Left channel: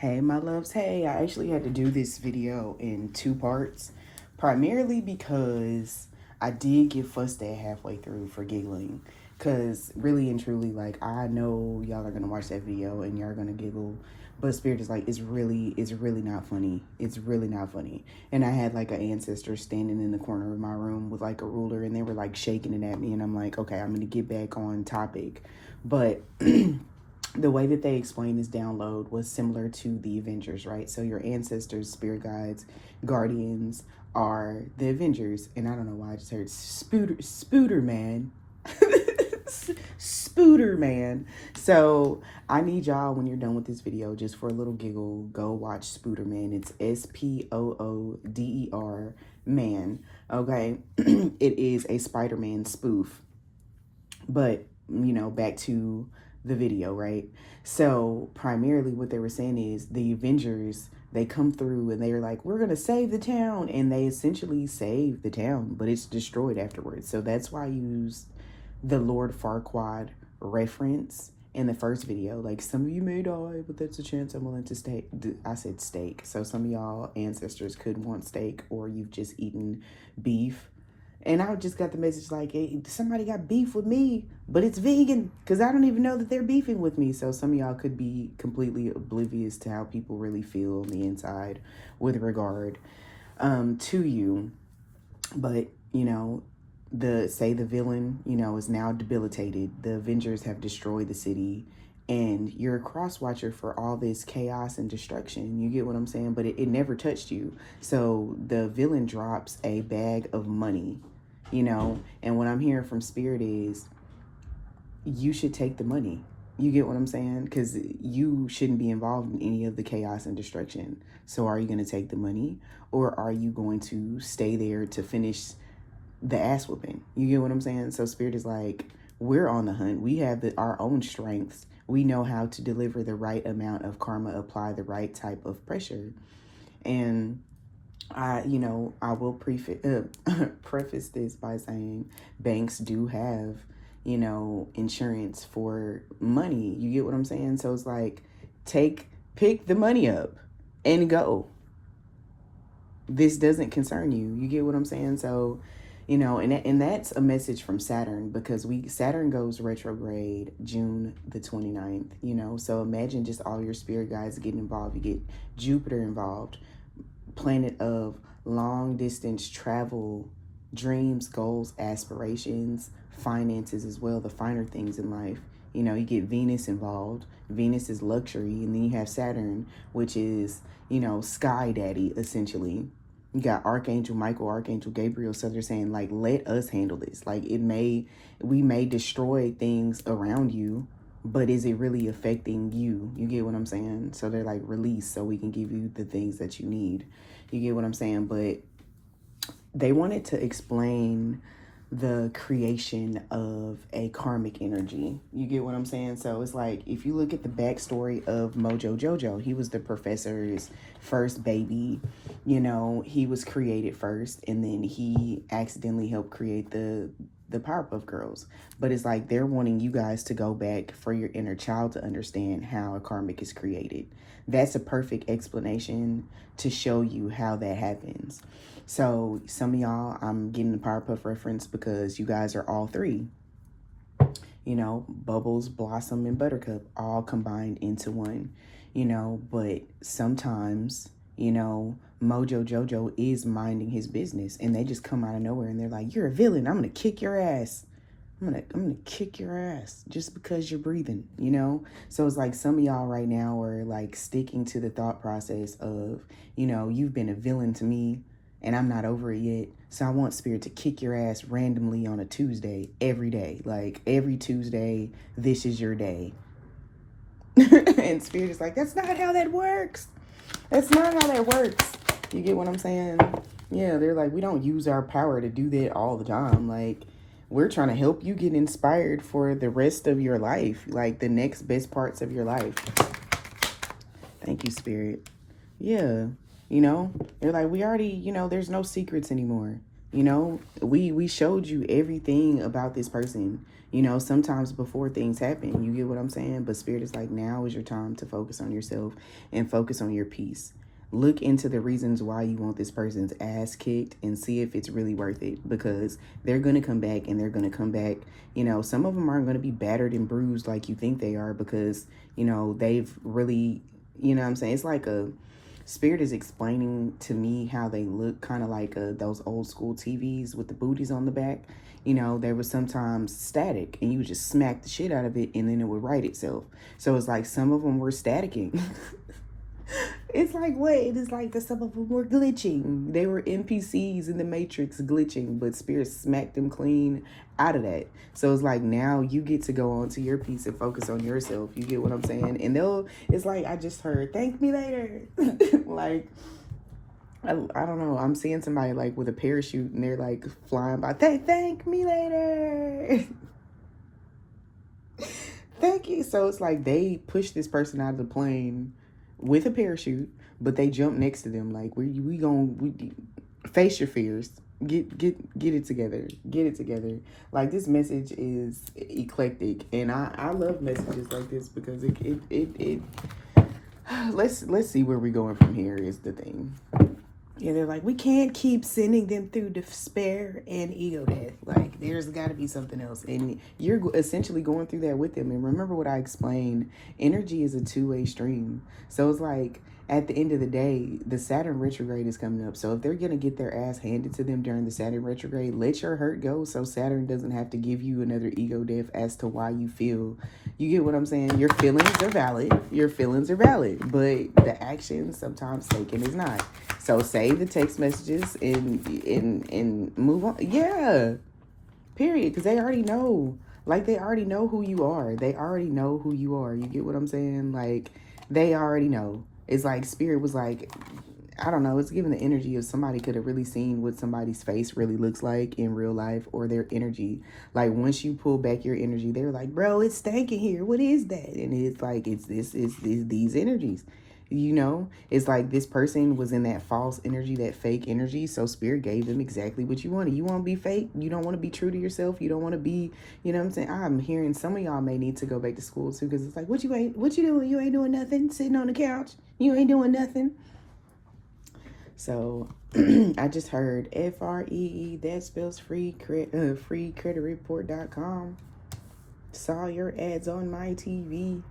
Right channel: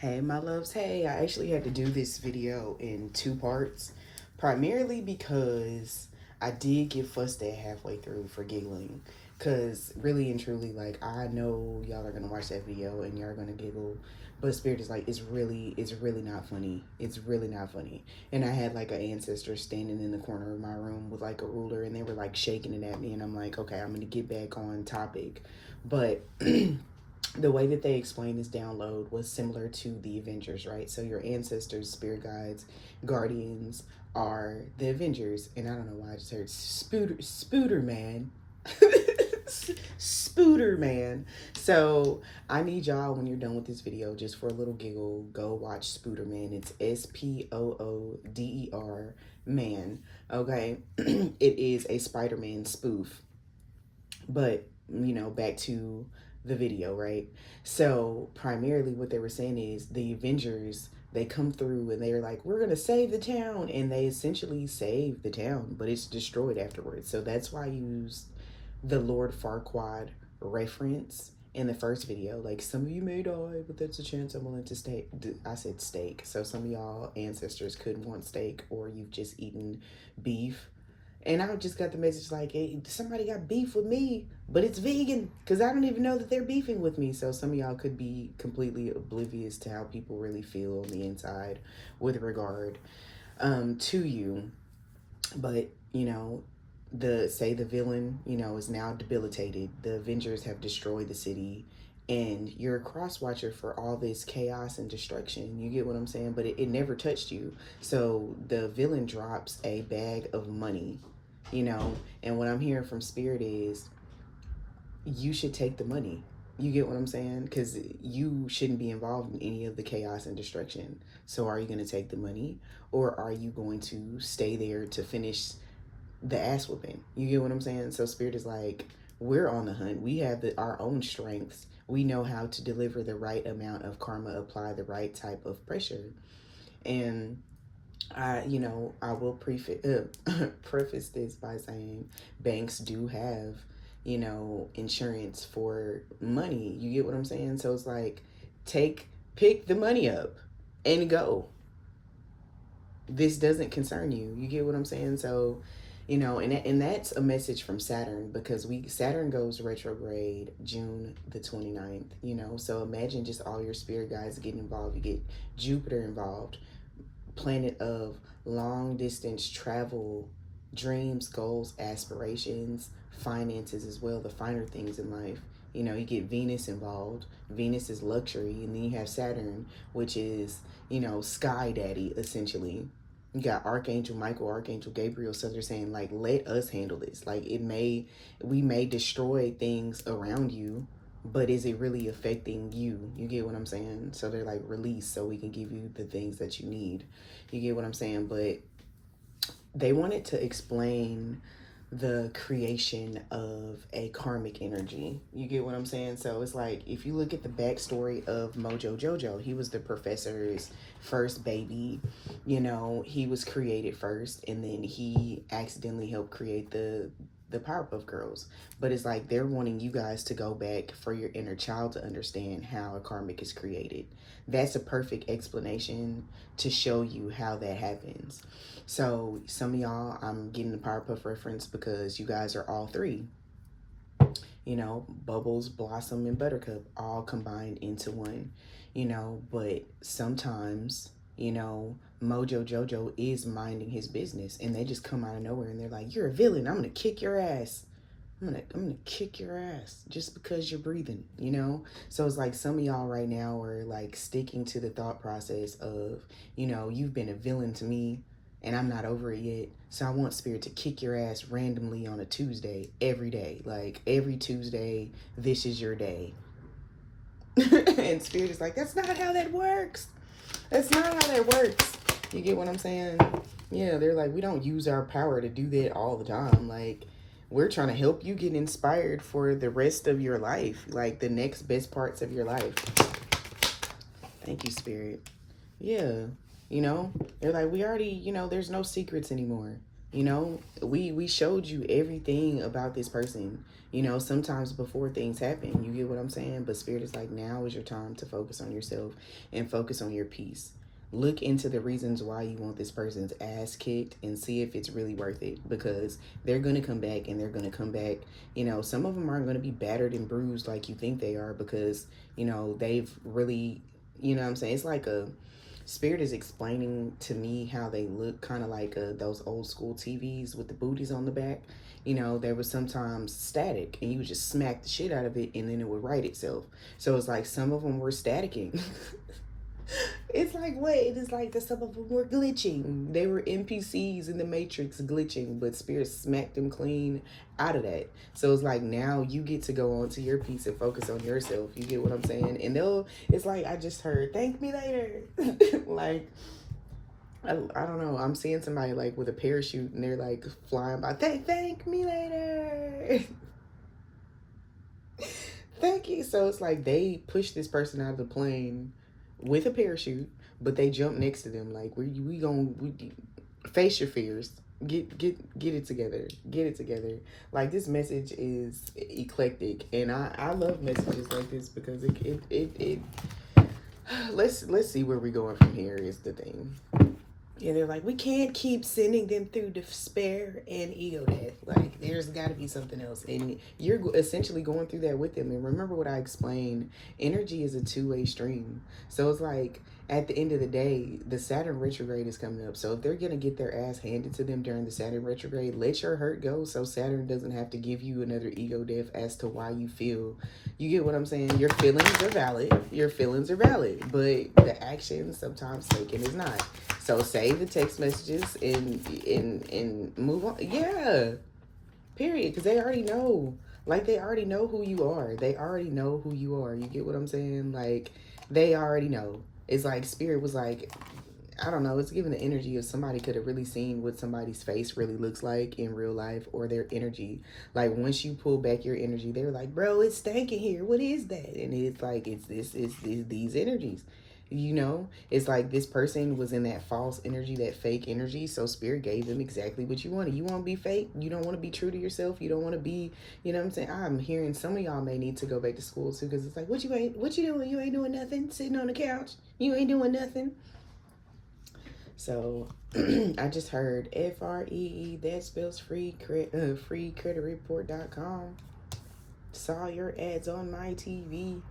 Hey my loves, hey, I actually had to do this video in 2 parts, primarily because I did get fussed at halfway through for giggling, because really and truly, like, I know y'all are gonna watch that video and y'all are gonna giggle, but Spirit is like, it's really not funny. It's really not funny. And I had like an ancestor standing in the corner of my room with like a ruler, and they were like shaking it at me, and I'm like, okay, I'm gonna get back on topic. But the way that they explained this download was similar to the Avengers, right? So your ancestors, spirit guides, guardians are the Avengers. And I don't know why I just heard Spooter Man. Spooter Man. So I need y'all, when you're done with this video, just for a little giggle, go watch Spooter Man. It's Spooder Man. Okay. It is a Spider-Man spoof. But, you know, back to the video, right? So primarily what they were saying is the Avengers, they come through and they're like, we're gonna save the town, and they essentially save the town, but it's destroyed afterwards. So that's why I used the Lord Farquaad reference in the first video. Like, some of you may die, but that's a chance I'm willing to stake. I said steak, so some of y'all ancestors could want steak, or you've just eaten beef. And I just got the message like, hey, somebody got beef with me, but it's vegan, because I don't even know that they're beefing with me. So some of y'all could be completely oblivious to how people really feel on the inside with regard to you. But, you know, the villain, you know, is now debilitated. The Avengers have destroyed the city, and you're a cross watcher for all this chaos and destruction. You get what I'm saying? But it never touched you. So the villain drops a bag of money, you know, and what I'm hearing from Spirit is you should take the money. You get what I'm saying? Because you shouldn't be involved in any of the chaos and destruction. So are you going to take the money, or are you going to stay there to finish the ass whooping? You get what I'm saying? So Spirit is like, we're on the hunt. We have our own strengths. We know how to deliver the right amount of karma, apply the right type of pressure. And I will preface this by saying banks do have, you know, insurance for money. You get what I'm saying? So it's like, pick the money up and go. This doesn't concern you. You get what I'm saying? So, you know, and that's a message from Saturn, because Saturn goes retrograde June the 29th, you know. So imagine just all your spirit guides getting involved. You get Jupiter involved, planet of long distance travel, dreams, goals, aspirations, finances as well, the finer things in life. You know, you get Venus involved. Venus is luxury. And then you have Saturn, which is, you know, sky daddy, essentially. You got Archangel Michael, Archangel Gabriel. So they're saying, like, let us handle this. Like, we may destroy things around you, but is it really affecting you? You get what I'm saying? So they're like, release so we can give you the things that you need. You get what I'm saying? But they wanted to explain the creation of a karmic energy. You get what I'm saying? So it's like, if you look at the backstory of Mojo Jojo, he was the professor's first baby. You know, he was created first, and then he accidentally helped create the Powerpuff Girls. But it's like, they're wanting you guys to go back for your inner child to understand how a karmic is created. That's a perfect explanation to show you how that happens. So some of y'all, I'm getting the Powerpuff reference because you guys are all three. You know, Bubbles, Blossom, and Buttercup all combined into one. You know, but sometimes, you know, Mojo Jojo is minding his business, and they just come out of nowhere and they're like, you're a villain. I'm going to kick your ass. I'm gonna kick your ass just because you're breathing, you know? So it's like, some of y'all right now are like sticking to the thought process of, you know, you've been a villain to me and I'm not over it yet. So I want Spirit to kick your ass randomly on a Tuesday, every day. Like, every Tuesday, this is your day. And Spirit is like, that's not how that works. That's not how that works. You get what I'm saying? Yeah, they're like, we don't use our power to do that all the time. Like, we're trying to help you get inspired for the rest of your life, like the next best parts of your life. Thank you, Spirit. Yeah, you know, they're like, we already, you know, there's no secrets anymore. You know, we showed you everything about this person. You know, sometimes before things happen, you get what I'm saying? But Spirit is like, now is your time to focus on yourself and focus on your peace. Look into the reasons why you want this person's ass kicked and see if it's really worth it, because they're going to come back, and they're going to come back. You know, some of them aren't going to be battered and bruised like you think they are, because, you know, they've really, you know what I'm saying? It's like a, Spirit is explaining to me how they look, kind of like those old school TVs with the booties on the back. You know, they were sometimes static, and you would just smack the shit out of it, and then it would right itself. So it's like some of them were staticking. It's like, wait, it's like the some of them were glitching. They were NPCs in the Matrix glitching, but Spirit smacked them clean out of that. So it's like, now you get to go on to your piece and focus on yourself. You get what I'm saying? And it's like, I just heard, thank me later. Like, I don't know. I'm seeing somebody like with a parachute, and they're like flying by. Thank me later. Thank you. So it's like they pushed this person out of the plane with a parachute, but they jump next to them. Like, we face your fears. Get it together. Get it together. Like, this message is eclectic, and I love messages like this, because it let's see where we're going from here is the thing. Yeah, they're like, we can't keep sending them through despair and ego death. Like, there's got to be something else. And you're essentially going through that with them. And remember what I explained, energy is a two-way stream. So it's like, at the end of the day, the Saturn retrograde is coming up. So if they're going to get their ass handed to them during the Saturn retrograde, let your hurt go, so Saturn doesn't have to give you another ego death as to why you feel. You get what I'm saying? Your feelings are valid. Your feelings are valid. But the action sometimes taken is not. So save the text messages and move on. Yeah. Period. Because they already know. Like, they already know who you are. They already know who you are. You get what I'm saying? Like, they already know. It's like Spirit was like, I don't know, it's giving the energy of somebody could have really seen what somebody's face really looks like in real life, or their energy. Like, once you pull back your energy, they're like, bro, it's stinking here. What is that? And it's like, it's these energies. You know, it's like this person was in that false energy, that fake energy. So Spirit gave them exactly what you wanted. You want to be fake? You don't want to be true to yourself? You don't want to be, you know what I'm saying? I'm hearing some of y'all may need to go back to school too, because it's like, what you doing? You ain't doing nothing. Sitting on the couch. You ain't doing nothing. So I just heard FREE, that spells free, freecreditreport.com. Saw your ads on my TV.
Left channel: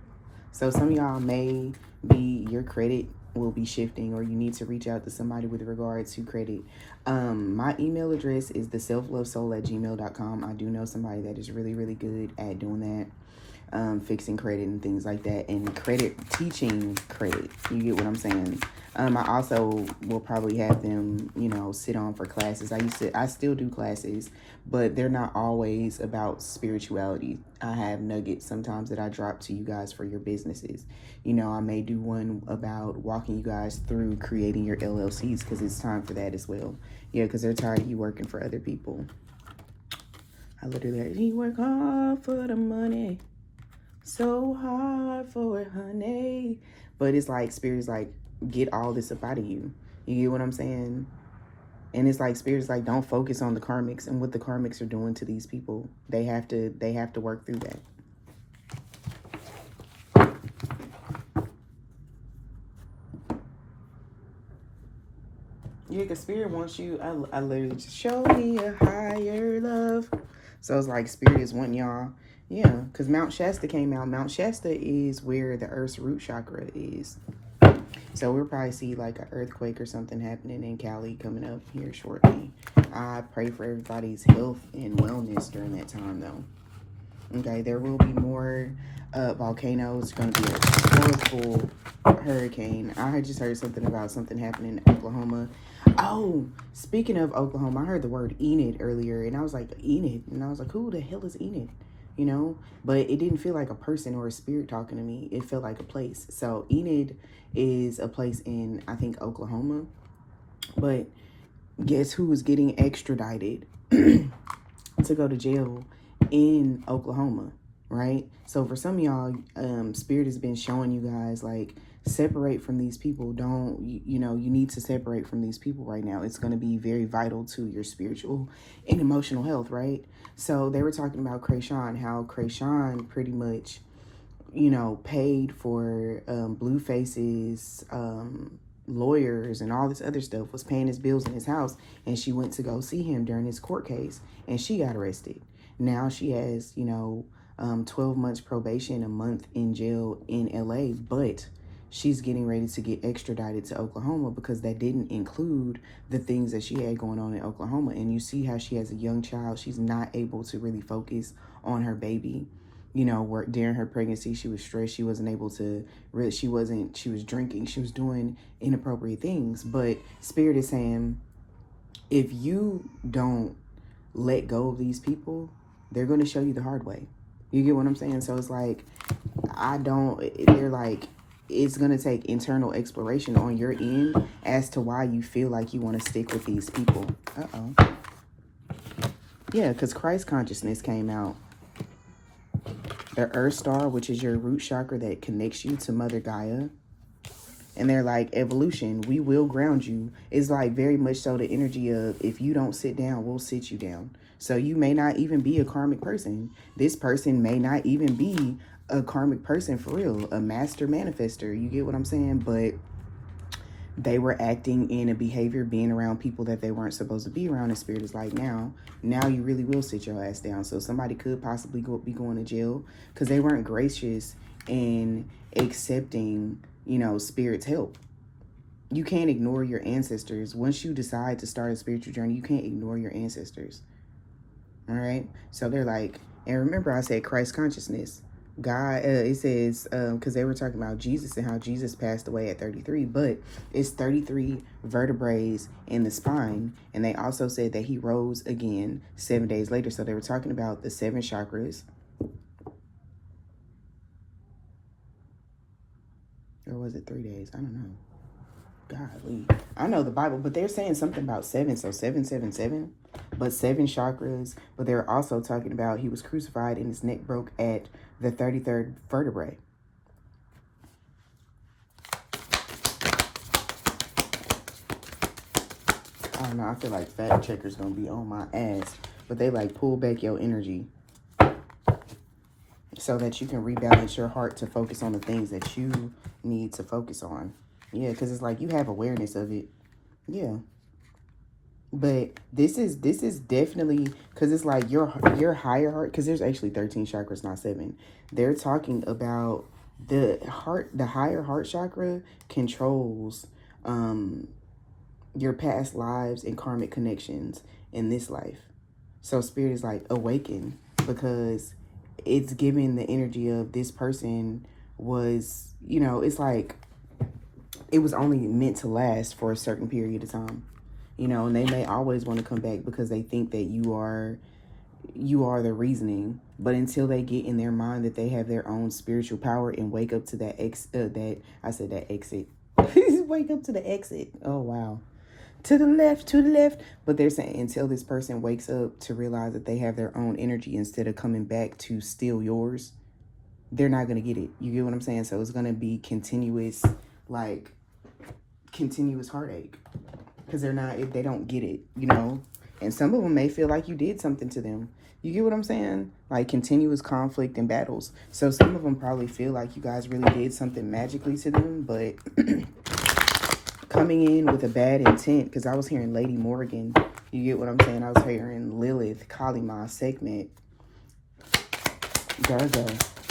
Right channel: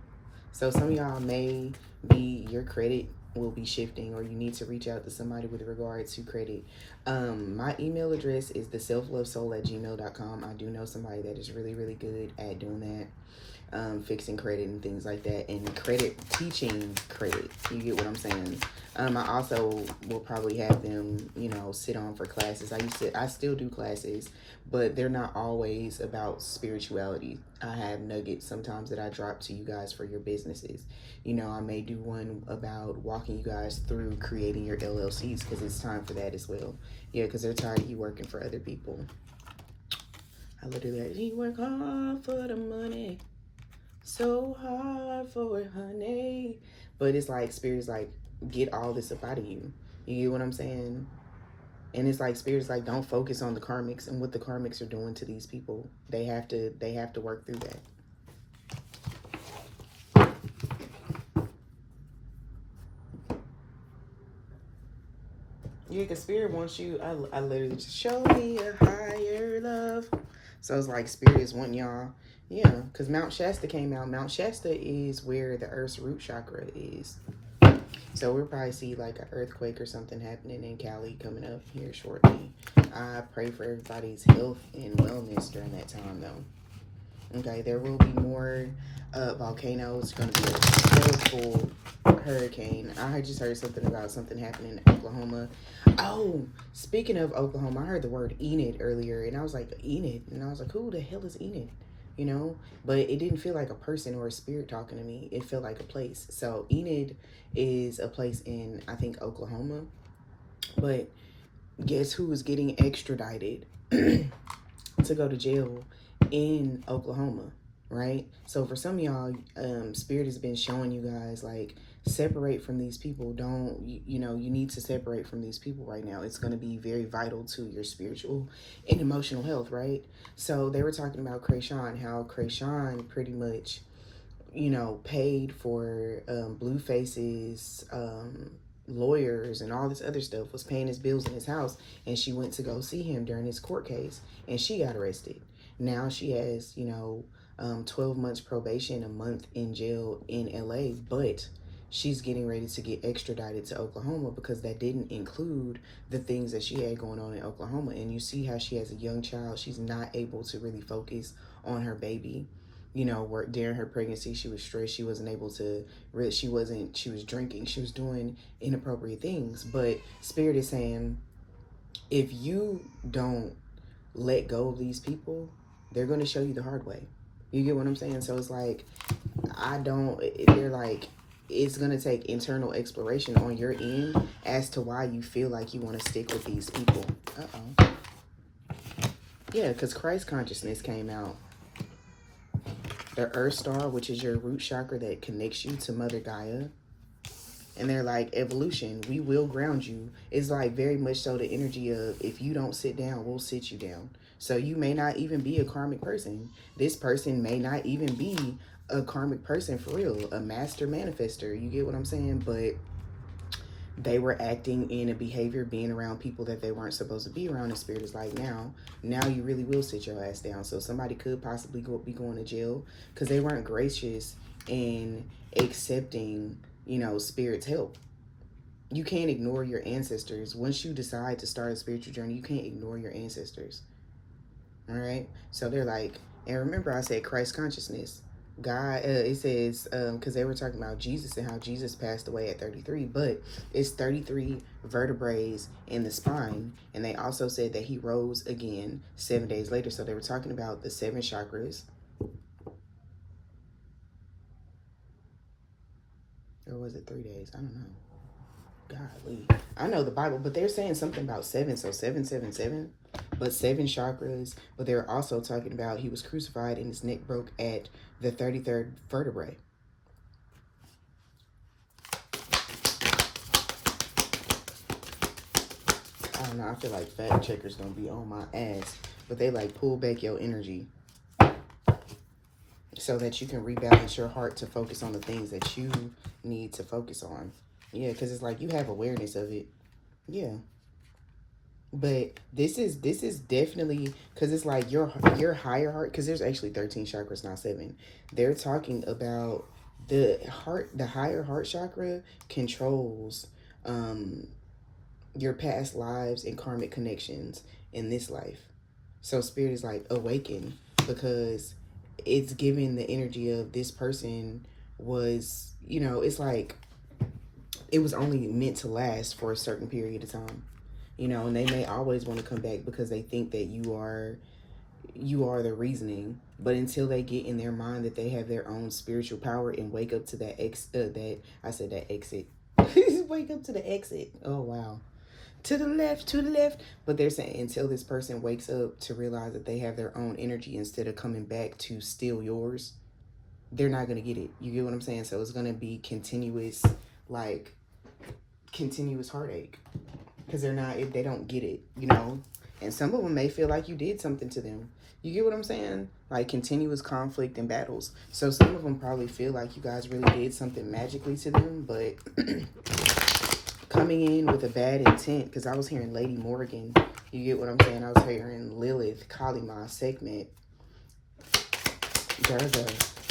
So some of y'all may be, your credit will be shifting, or you need to reach out to somebody with regard to credit. My email address is theselflovesoul@gmail.com. I do know somebody that is really, really good at doing that, fixing credit and things like that, and credit, teaching credit. You get what I'm saying? I also will probably have them, you know, sit on for classes. I still do classes, but they're not always about spirituality. I have nuggets sometimes that I drop to you guys for your businesses. You know, I may do one about walking you guys through creating your LLCs, because it's time for that as well. Yeah, because they're tired of you working for other people. I literally, you work hard for the money, so hard for it, honey. But it's like, Spirit's like, get all this up out of you. You get what I'm saying? And it's like, Spirit's like, don't focus on the karmics and what the karmics are doing to these people. They have to work through that. Yeah, because Spirit wants you, I literally just show me a higher love. So it's like, Spirit is wanting y'all, yeah, because Mount Shasta came out. Mount Shasta is where the Earth's root chakra is. So we'll probably see like an earthquake or something happening in Cali coming up here shortly. I pray for everybody's health and wellness during that time, though. Okay, there will be more volcanoes. It's going to be a horrible hurricane. I just heard something about something happening in Oklahoma. Oh, speaking of Oklahoma, I heard the word Enid earlier, and I was like, Enid? And I was like, who the hell is Enid? You know? But it didn't feel like a person or a spirit talking to me. It felt like a place. So Enid is a place in, I think, Oklahoma. But guess who is getting extradited to go to jail in Oklahoma, right? So for some of y'all, Spirit has been showing you guys like separate from these people. Don't, you know, you need to separate from these people right now. It's going to be very vital to your spiritual and emotional health, right? So they were talking about Krayshawn, how Krayshawn pretty much, you know, paid for Blueface's lawyers and all this other stuff, was paying his bills in his house, and she went to go see him during his court case, and she got arrested. Now she has, you know, 12 months probation, a month in jail in LA, but she's getting ready to get extradited to Oklahoma because that didn't include the things that she had going on in Oklahoma. And you see how she has a young child. She's not able to really focus on her baby. You know, where during her pregnancy, she was stressed. She wasn't able to really, she was drinking. She was doing inappropriate things. But Spirit is saying, if you don't let go of these people, they're going to show you the hard way. You get what I'm saying? So it's like, they're like, it's going to take internal exploration on your end as to why you feel like you want to stick with these people. Yeah, because Christ consciousness came out. The Earth Star, which is your root chakra that connects you to Mother Gaia. And they're like, evolution, we will ground you. It's like very much so the energy of, if you don't sit down, we'll sit you down. So you may not even be a karmic person. This person may not even be a karmic person for real, a master manifester. You get what I'm saying? But they were acting in a behavior, being around people that they weren't supposed to be around. And Spirit is like, now you really will sit your ass down. So somebody could possibly be going to jail because they weren't gracious in accepting, you know, Spirit's help. You can't ignore your ancestors. Once you decide to start a spiritual journey, you can't ignore your ancestors. All right? So they're like, and remember I said Christ consciousness. God, it says, because they were talking about Jesus and how Jesus passed away at 33, but it's 33 vertebrae in the spine. And they also said that he rose again 7 days later. So they were talking about the 7 chakras. Or was it 3 days? I don't know. Golly. I know the Bible, but they're saying something about 7. So 777, but 7 chakras. But they're also talking about he was crucified and his neck broke at the 33rd vertebrae. I don't know. I feel like fact checkers gonna be on my ass, but they like pull back your energy so that you can rebalance your heart to focus on the things that you need to focus on. Yeah, because it's like you have awareness of it. Yeah. But this is definitely, because it's like your higher heart, because there's actually 13 chakras, not 7. They're talking about the higher heart chakra controls your past lives and karmic connections in this life. So Spirit is like, awaken, because it's giving the energy of this person was, you know, it's like it was only meant to last for a certain period of time. You know, and they may always want to come back because they think that you are the reasoning. But until they get in their mind that they have their own spiritual power and wake up to that exit. Wake up to the exit. Oh, wow. To the left. But they're saying until this person wakes up to realize that they have their own energy instead of coming back to steal yours, they're not going to get it. You get what I'm saying? So it's going to be continuous heartache. Because they don't get it, you know? And some of them may feel like you did something to them. You get what I'm saying? Like continuous conflict and battles. So some of them probably feel like you guys really did something magically to them, but coming in with a bad intent, because I was hearing Lady Morgan. You get what I'm saying? I was hearing Lilith, Kalima, Sekhmet, Jarzo.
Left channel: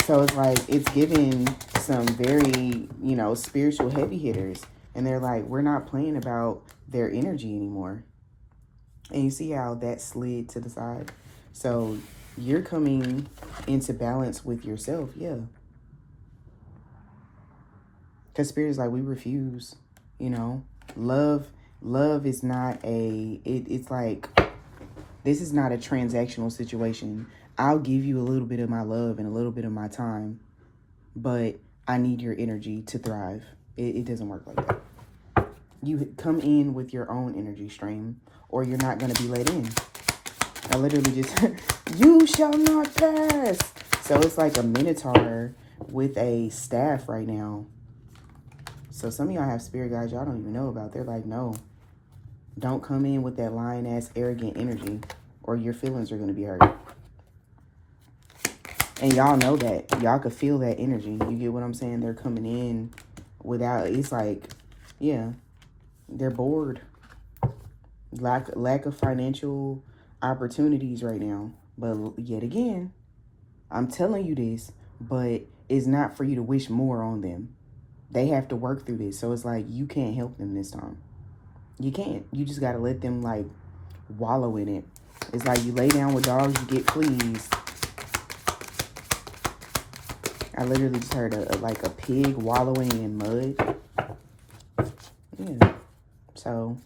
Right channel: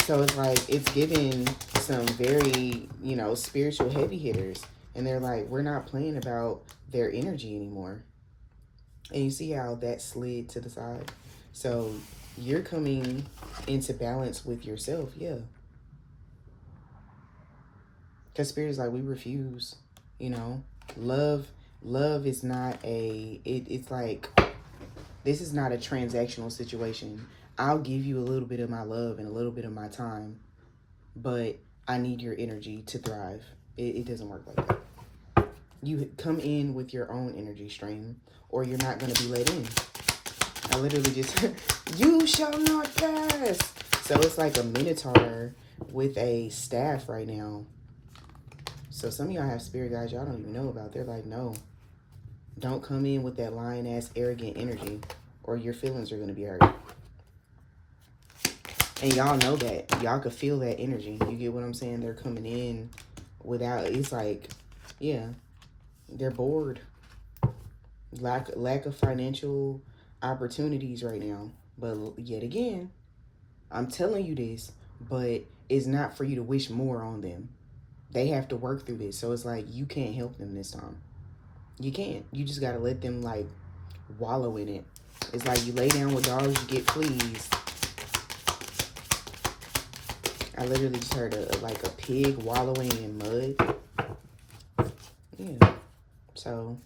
So it's like, it's giving some very, you know, spiritual heavy hitters. And they're like, we're not playing about their energy anymore. And you see how that slid to the side? So you're coming into balance with yourself, yeah. Because Spirit is like, we refuse, you know. Love is not it's like, this is not a transactional situation. I'll give you a little bit of my love and a little bit of my time, but I need your energy to thrive. It doesn't work like that. You come in with your own energy stream, or you're not going to be let in. I literally just, you shall not pass. So it's like a minotaur with a staff right now. So some of y'all have spirit guides y'all don't even know about. They're like, no, don't come in with that lying-ass arrogant energy or your feelings are going to be hurt. And y'all know that. Y'all could feel that energy. You get what I'm saying? They're coming in without, it's like, yeah, they're bored. Lack of financial opportunities right now. But yet again, I'm telling you this, but it's not for you to wish more on them. They have to work through this. So it's like, you can't help them this time. You can't. You just got to let them, like, wallow in it. It's like you lay down with dogs, you get fleas. I literally just heard like a pig wallowing in mud. Yeah. So,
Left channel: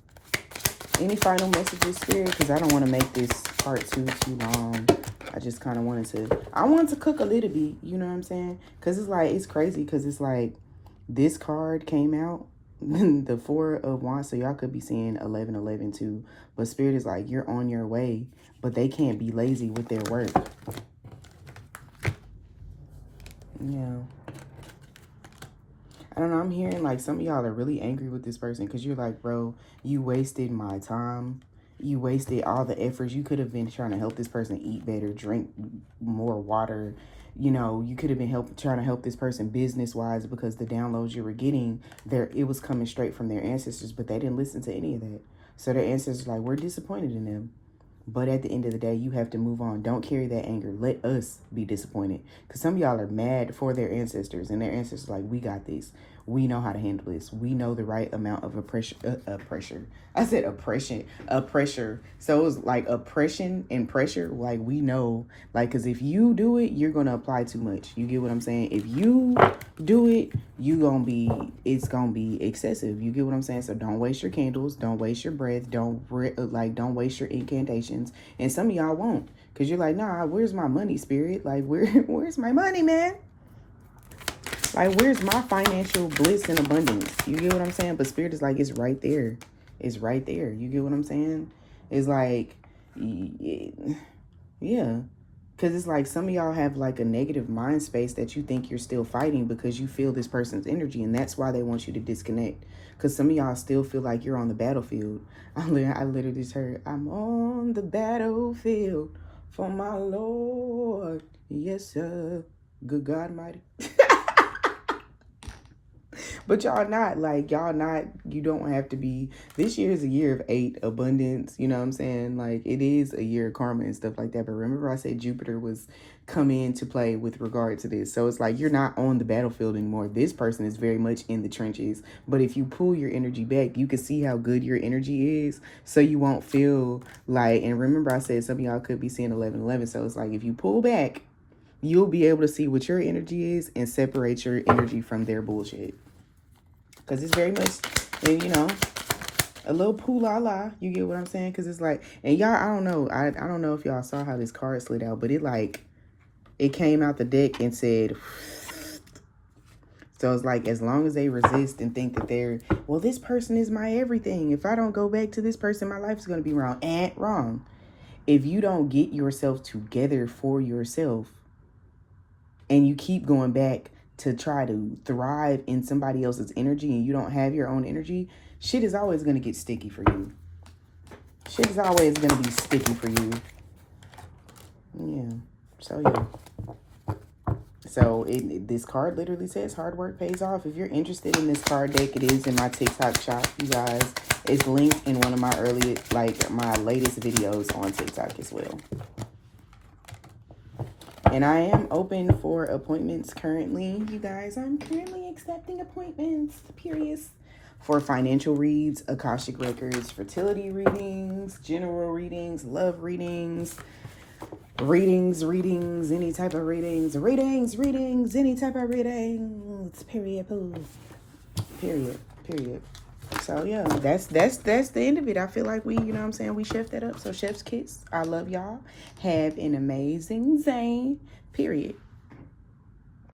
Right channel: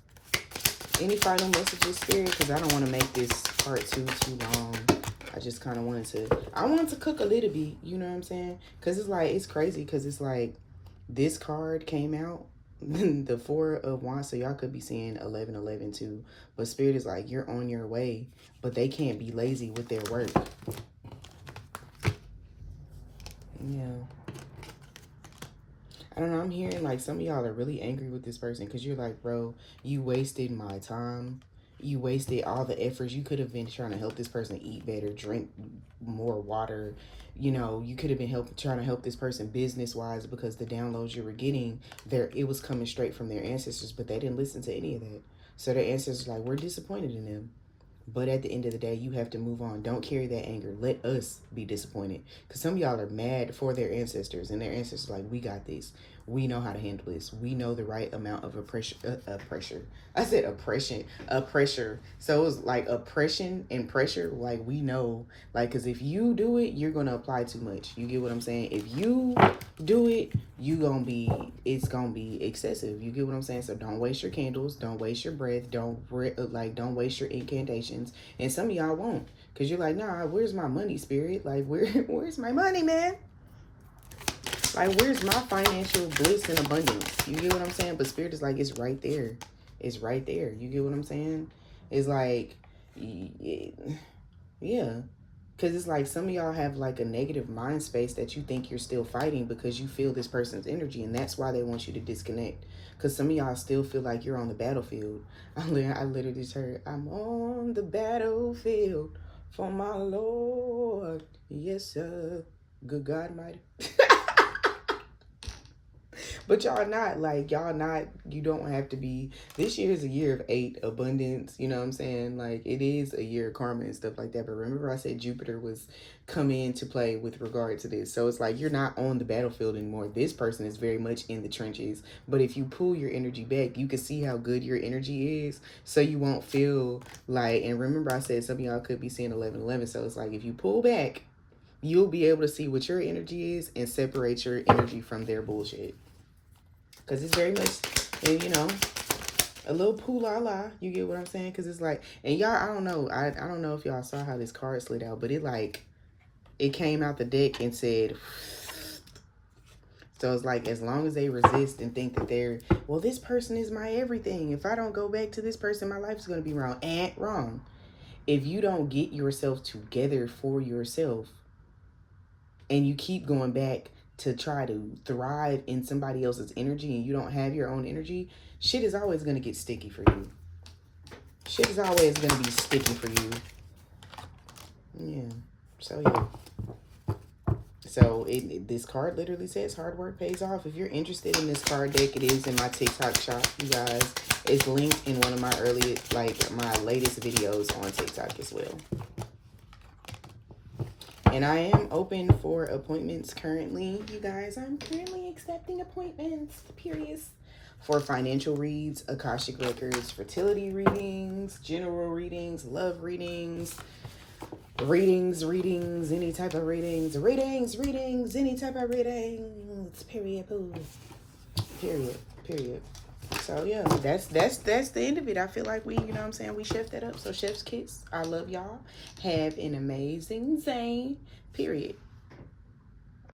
any final messages, Spirit? Because I don't want to make this part too long. I just kind of wanted to cook a little bit, you know what I'm saying? Because it's like, it's crazy because it's like this card came out, the Four of Wands, so y'all could be seeing 1111 too. But Spirit is like, you're on your way, but they can't be lazy with their work. Yeah. I don't know, I'm hearing like some of y'all are really angry with this person because you're like, bro, you wasted my time. You wasted all the efforts. You could have been trying to help this person eat better, drink more water. You know, you could have been trying to help this person business-wise because the downloads you were getting, it was coming straight from their ancestors, but they didn't listen to any of that. So their ancestors like, we're disappointed in them. But at the end of the day, you have to move on. Don't carry that anger. Let us be disappointed. Because some of y'all are mad for their ancestors. And their ancestors are like, we got this. We know how to handle this. We know the right amount of oppression. I said oppression. Oppressor. So it was like oppression and pressure. Like we know. Like, because if you do it, you're going to apply too much. You get what I'm saying? If you do it, it's going to be excessive. You get what I'm saying? So don't waste your candles. Don't waste your breath. Don't waste your incantations. And some of y'all won't. Because you're like, nah, where's my money, Spirit? Like, where's my money, man? Like, where's my financial bliss and abundance? You get what I'm saying? But Spirit is like, it's right there. It's right there. You get what I'm saying? It's like, yeah. Because it's like some of y'all have like a negative mind space that you think you're still fighting because you feel this person's energy. And that's why they want you to disconnect. Because some of y'all still feel like you're on the battlefield. I literally just heard, I'm on the battlefield for my Lord. Yes, sir. Good God Almighty. But y'all not, you don't have to be, this year is a year of 8, abundance, you know what I'm saying? Like, it is a year of karma and stuff like that. But remember I said Jupiter was coming into play with regard to this. So it's like, you're not on the battlefield anymore. This person is very much in the trenches. But if you pull your energy back, you can see how good your energy is. So you won't feel like, and remember I said some of y'all could be seeing 1111. So it's like, if you pull back, you'll be able to see what your energy is and separate your energy from their bullshit. Because it's very much, you know, a little poo-la-la. You get what I'm saying? Because it's like, and y'all, I don't know. I don't know if y'all saw how this card slid out, but it came out the deck and said, so it's like, as long as they resist and think that well, this person is my everything. If I don't go back to this person, my life is going to be wrong. And wrong. If you don't get yourself together for yourself and you keep going back to try to thrive in somebody else's energy and you don't have your own energy, shit is always going to get sticky for you. Shit is always going to be sticky for you. Yeah. So, yeah. So, this card literally says hard work pays off. If you're interested in this card deck, it is in my TikTok shop, you guys. It's linked in one of my my latest videos on TikTok as well. And I am open for appointments currently, you guys. I'm currently accepting appointments, periods, for financial reads, Akashic records, fertility readings, general readings, love readings, any type of readings, any type of readings, period, poo. Period. So yeah, that's the end of it. I feel like we, you know what I'm saying, we chef that up. So chef's kiss. I love y'all. Have an amazing day. Period.